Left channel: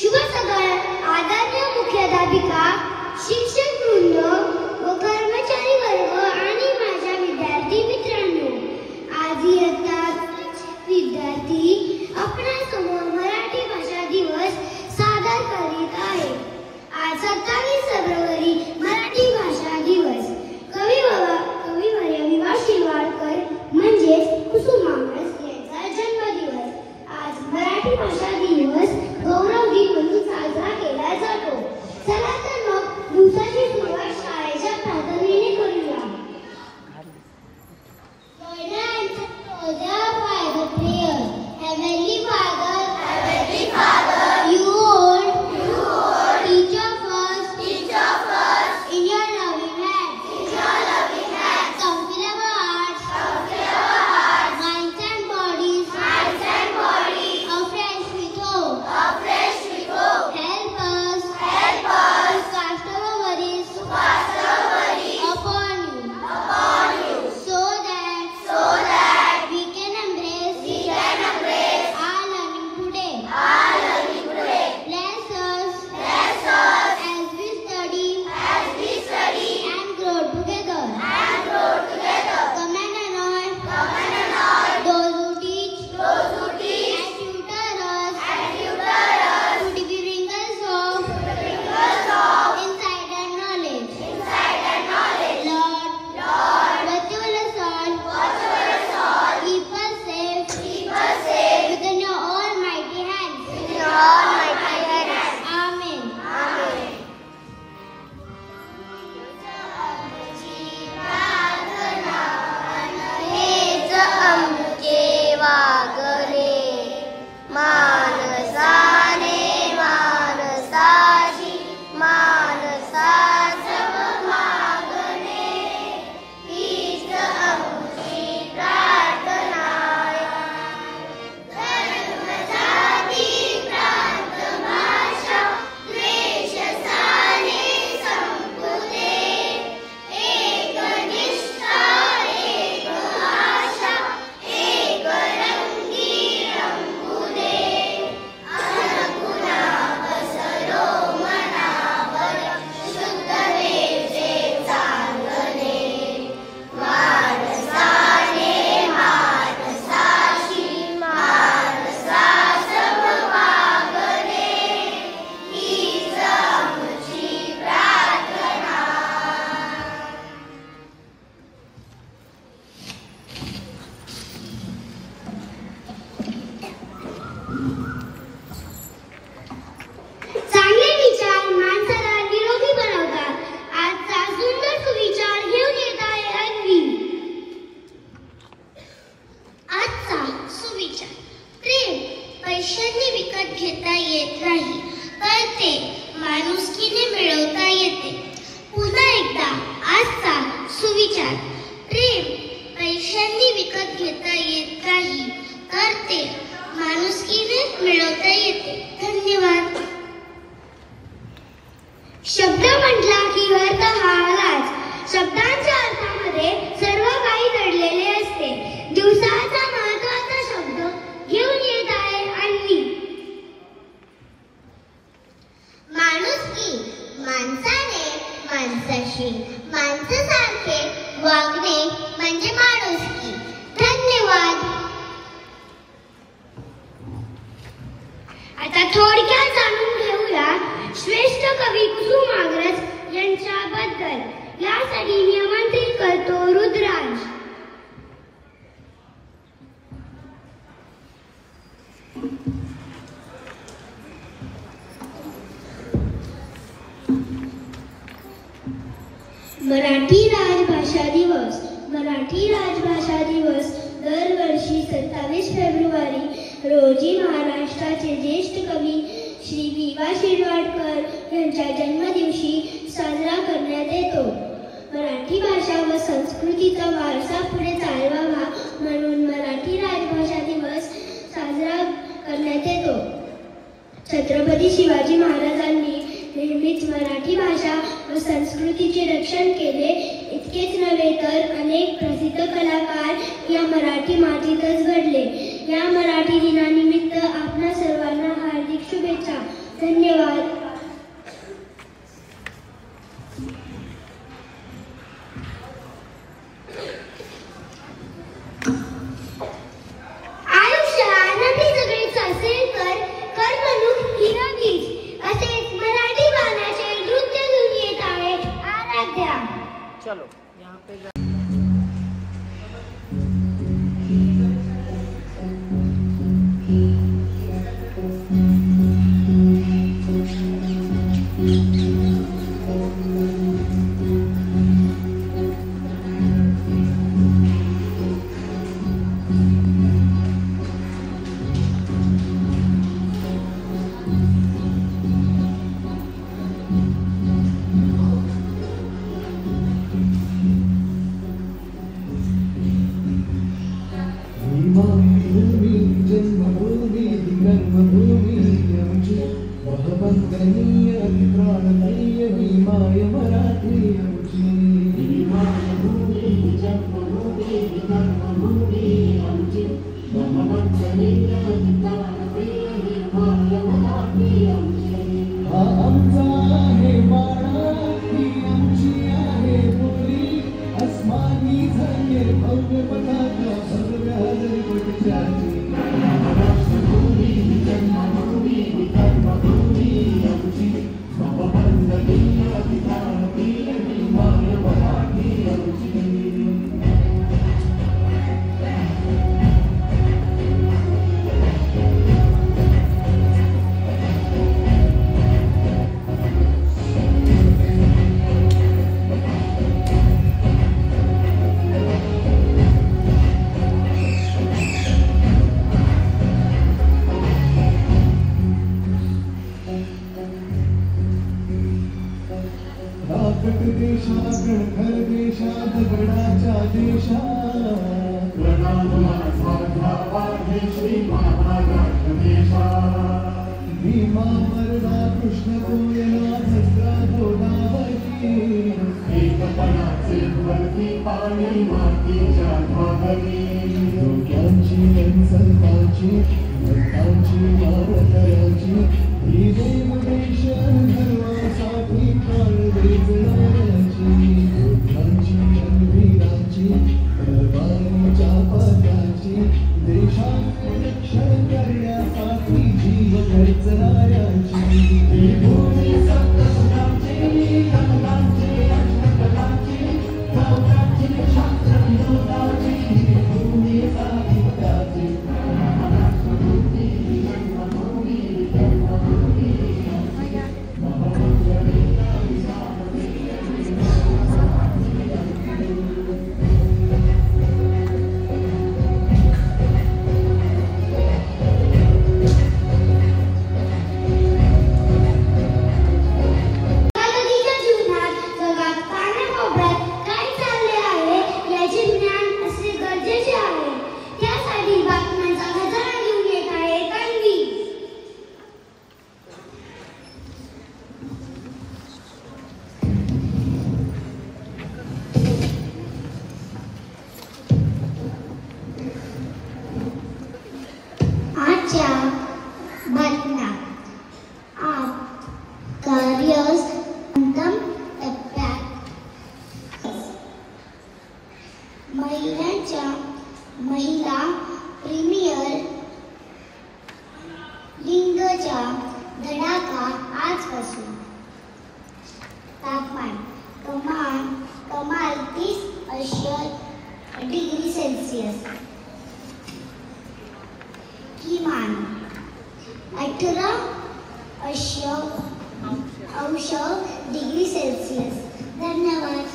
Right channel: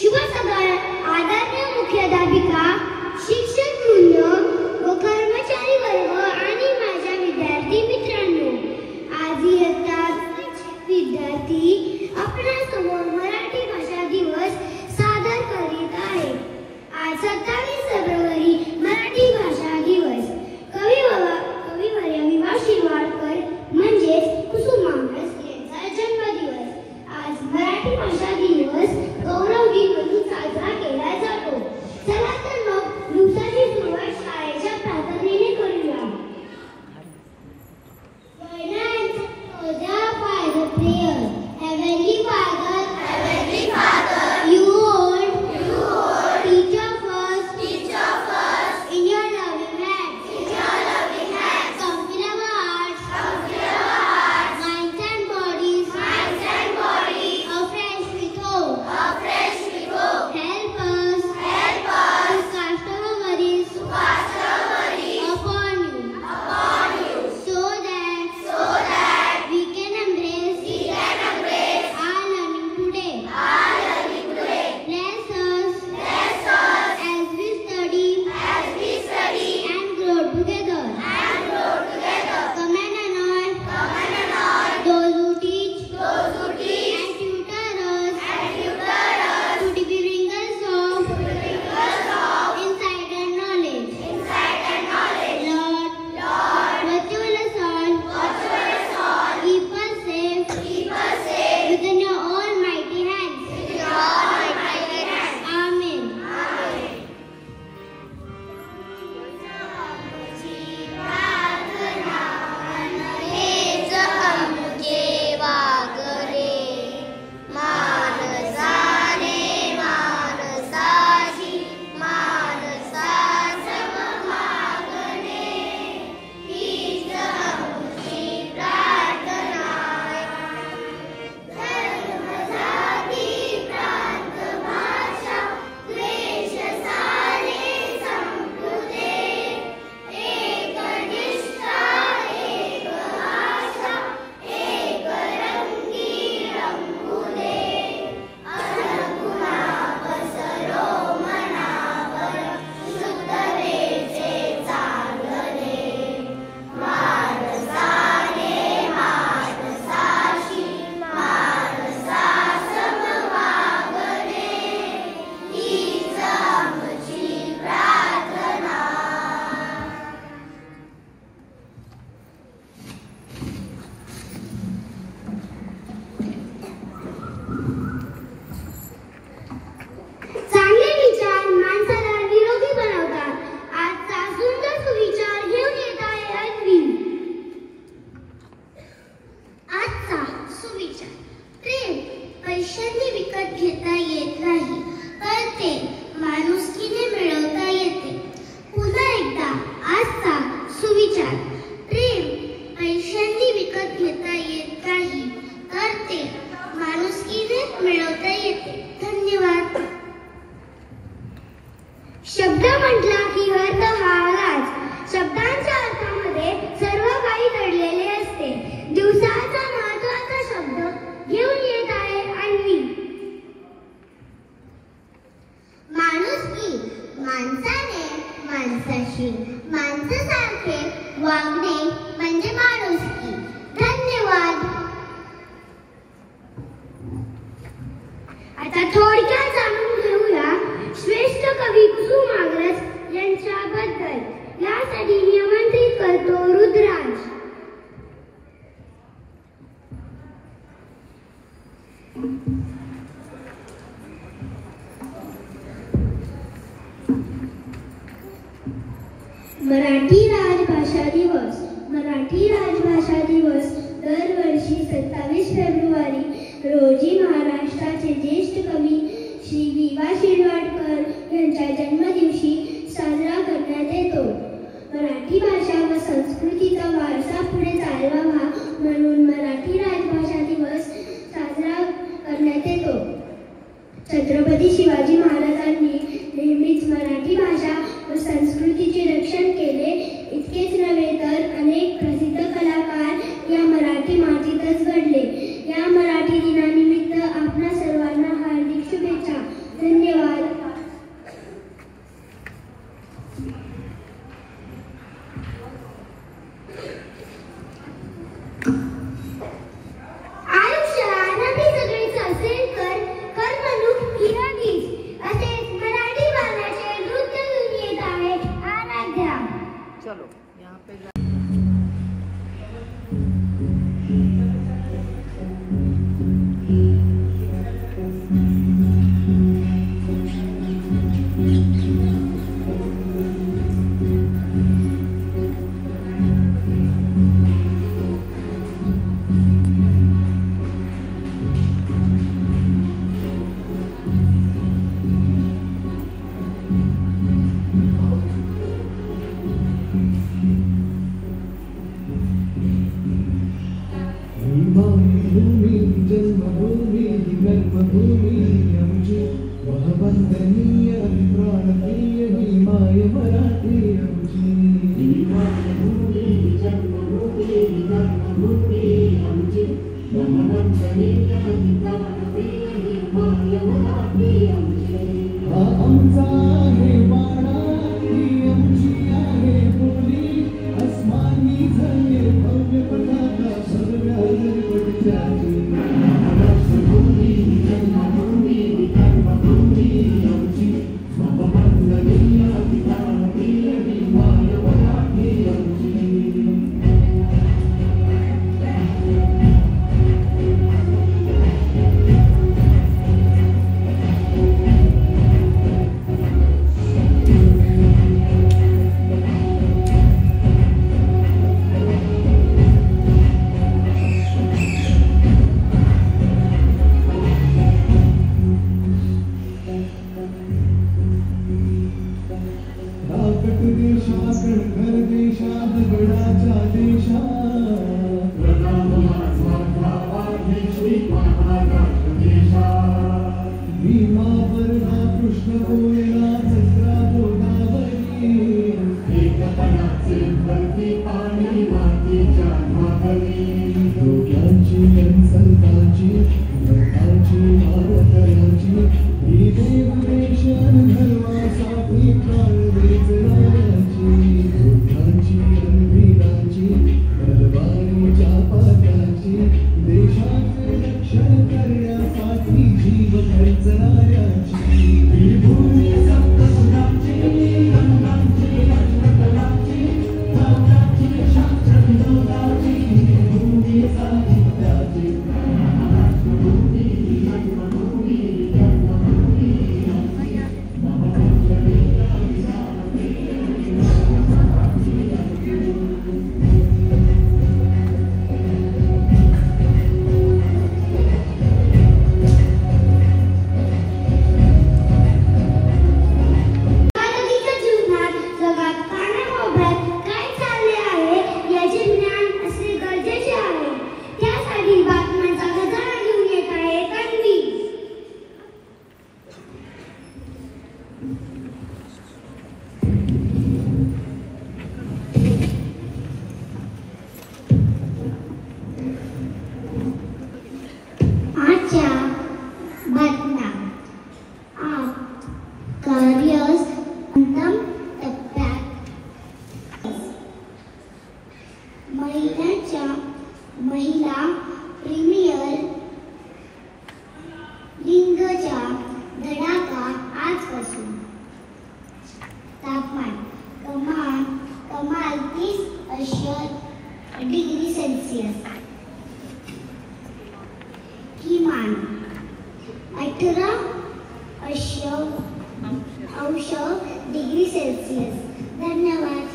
शुभ सकाळ आदरणीय मुख्याध्यापिका, शिक्षक वृंद व कर्मचारी वर्ग आणि माझ्या विद्यार्थी मित्रांनो, आज इयत्ता विद्यार्थी आपणासमोर मराठी भाषा दिवस सादर करीत आहे. आज 27 फेब्रुवारी मराठी भाषा दिवस. कविवर्य विवा शिरवाडकर म्हणजेच कुसुमाग्रज यांचा जन्मदिवस. आज मराठी भाषा दिवस गौरव दिन म्हणून साजरा केला जातो. चला तर मग दिवसाची सुरुवात शाळेच्या प्रार्थनेने करूया. Heavenly Father, you hold each of us in your loving hands. Come fill our hearts, minds and bodies afresh with hope. Help us to cast our worries upon you, so that we can embrace our learning today. Bless us as we study and grow together. Come and anoint those who teach and tutor us to be bringers of insight and knowledge. Lord, watch over us all. Keep us safe within your almighty hands. Amen. हेच आमचे वागणे, मानसाने मानसाची मानसासम मागणे. हीच आमची प्रार्थना. धर्म जाती प्रांत भाषा द्वेष सारे संपू दे. एक निष्ठा एक आशा एक रंगी रंगू दे. अनगुणा पसरो मनावर शुद्ध वेचे चांगले. मानसाने मानसाशी मानसासम वागणे. हीच आमची प्रार्थना. चांगले विचार माणसाला निरोगी बनवतात. आजचा सुंदर सुविचार घेऊन येत आहे अन्वी. आजचा सुविचार. प्रेम पैशांनी विकत घेता येत नाही, तर ते माणुसकीने मिळवता येते. पुन्हा एकदा आजचा सुविचार. प्रेम पैशांनी विकत घेता येत नाही, तर ते माणुसकीने मिळवता येते. धन्यवाद. शब्द म्हटला की अर्थ हा आलाच. शब्दांच्या अर्थामध्ये सर्व काही दडलेले असते. दिवसाचा महत्त्वाचा शब्द घेऊन येत आहे अन्वी. माणुसकी. माणसाने माणसाशी माणसासारखे वागणे म्हणजे माणुसकी. धन्यवाद. आता थोडक्यात जाणून घेऊया श्रेष्ठ कवी कुसुमाग्रज यांच्याबद्दल. यासाठी निमंत्रित करतो रुद्राज. मराठी राजभाषा दिवस. मराठी राजभाषा दिवस दरवर्षी 27 फेब्रुवारी रोजी महाराष्ट्राचे ज्येष्ठ कवी श्री वि.वा. शिरवाडकर यांच्या जन्मदिवशी साजरा करण्यात येतो. मराठी भाषा व संस्कृतीचा वारसा पुढे चालवावा म्हणून मराठी राजभाषा दिवस साजरा करण्यात येतो. छत्रपती शिवाजी महाराजांनी नेहमीच मराठी भाषा व संस्कृतीचे रक्षण केले. इतकेच नव्हे तर अनेक प्रसिद्ध कलाकार या मराठी मातीतच घडले. या मराठी दिनानिमित्त आपणा सर्वांना हार्दिक शुभेच्छा. धन्यवाद. महिला प्रीमियर लिंगचा धडाका आजपासून. तापमान कमाल 30° सेल्सिअस, किमान 18° सेल्सिअस. धन्यवाद.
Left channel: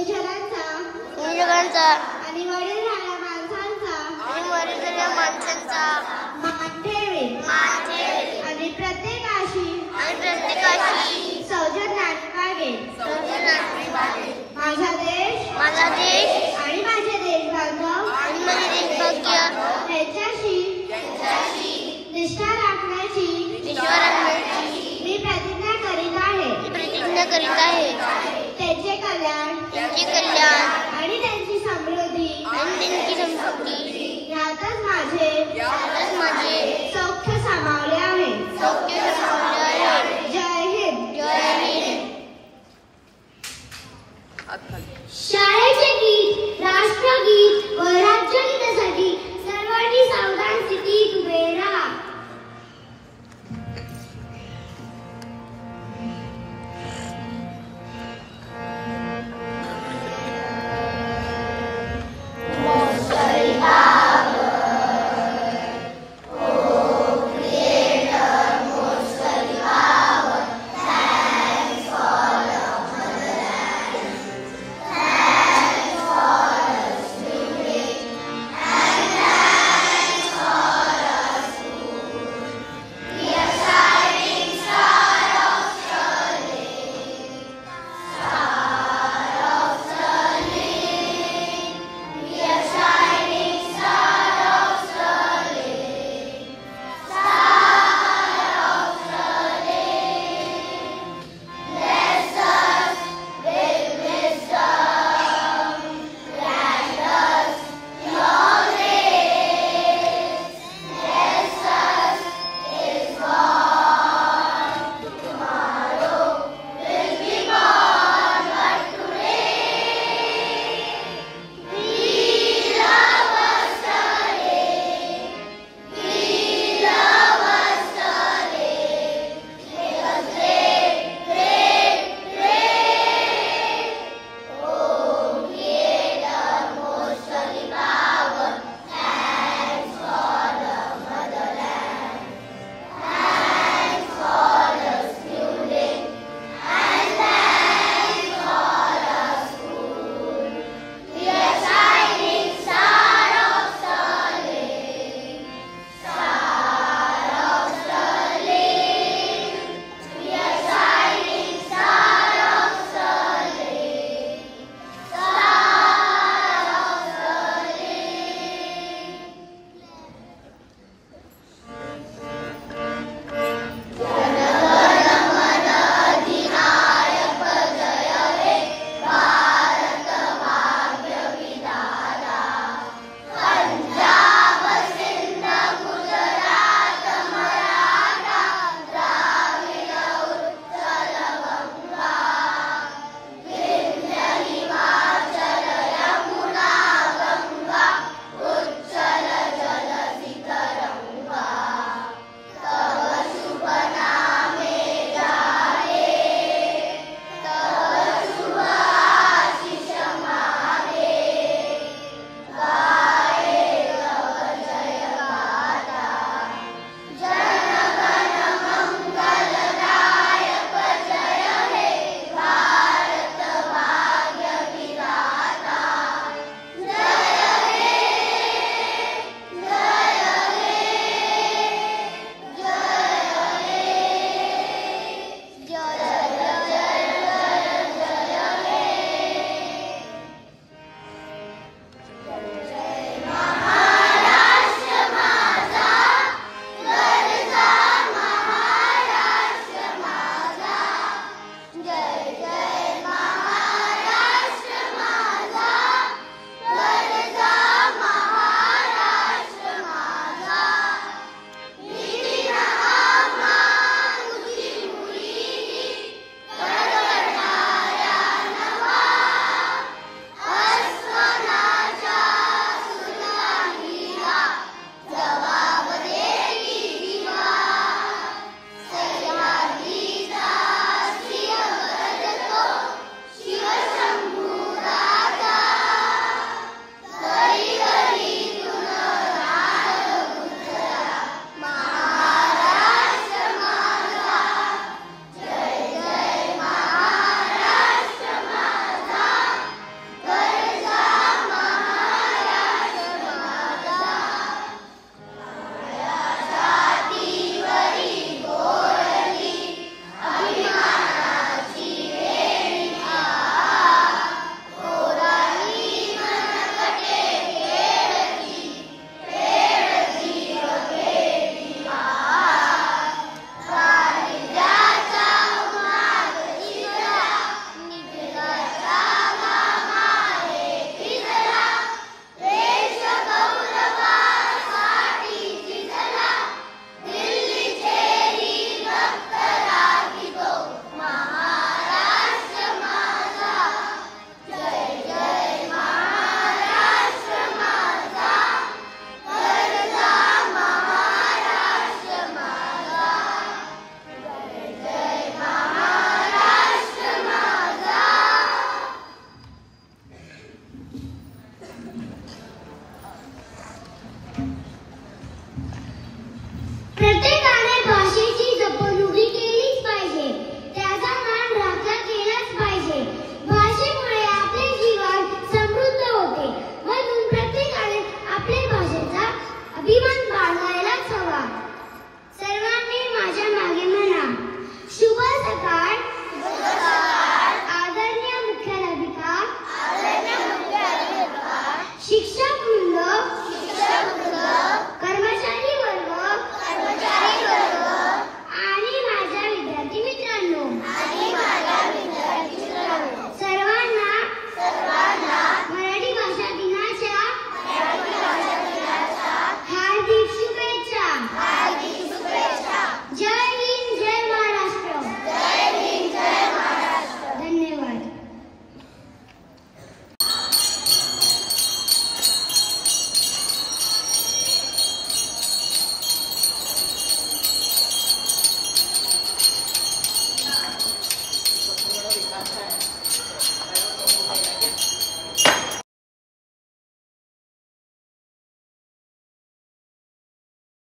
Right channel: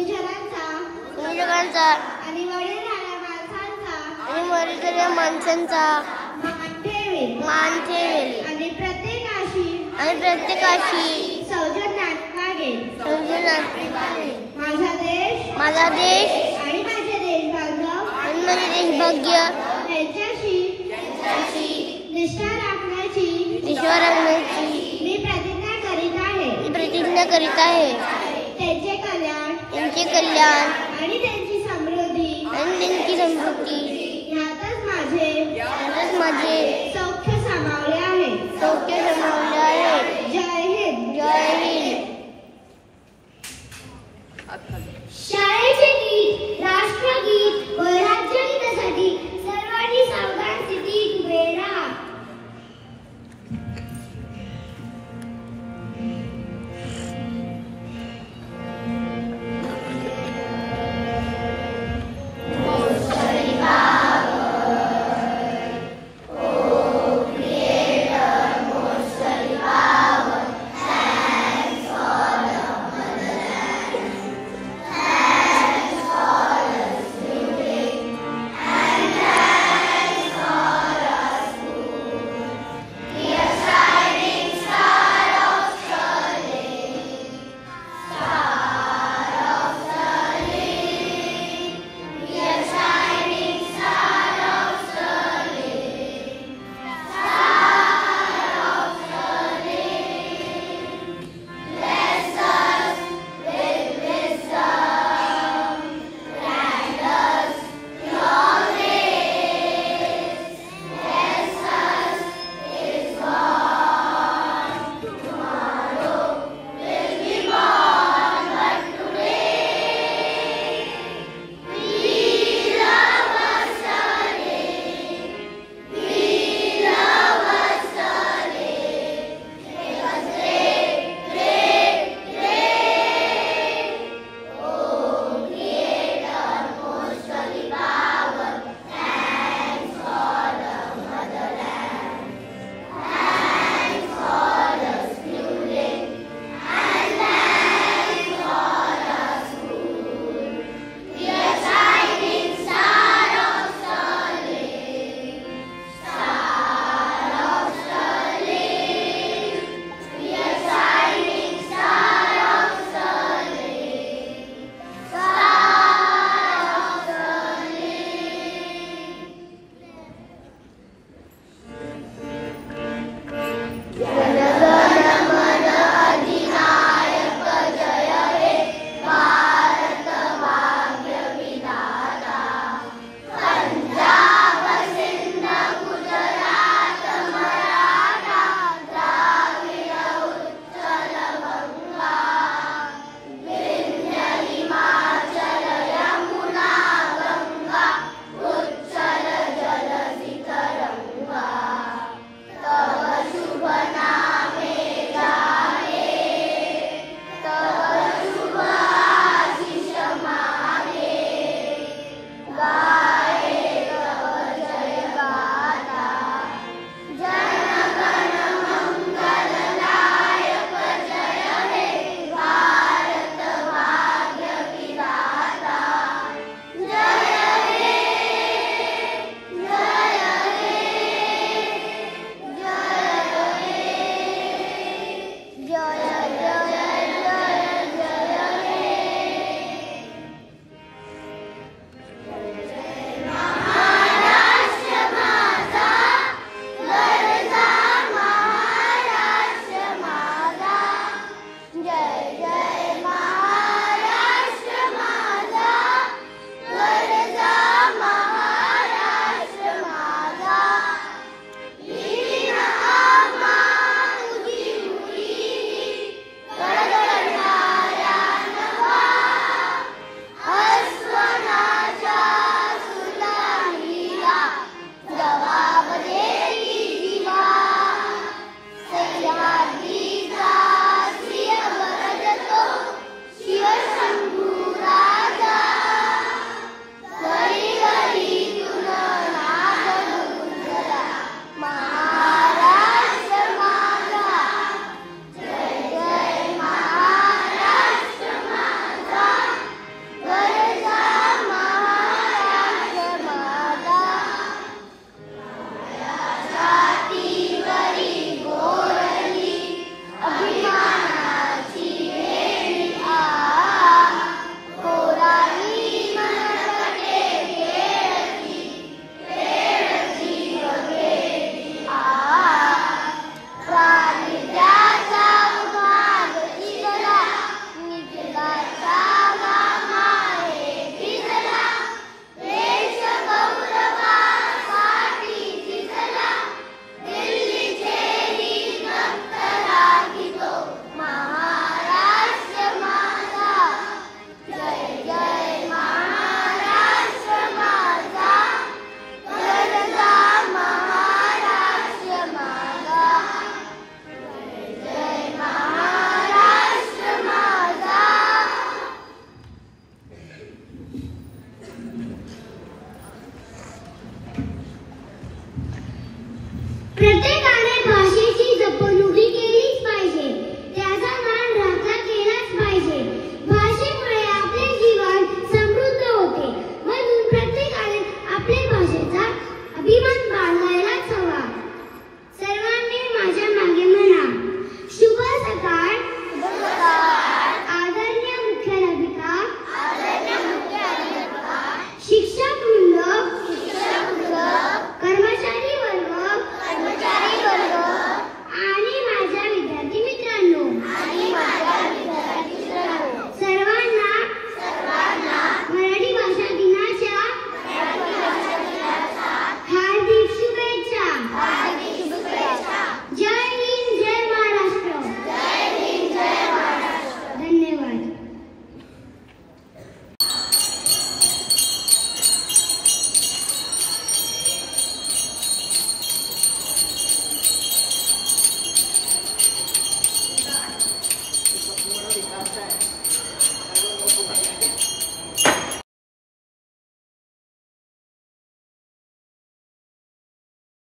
निजगांचा आणि वडीलधाऱ्या माणसांचा आणि वडीलधाऱ्या माणसांचा मान ठेवे. मान ठेवे.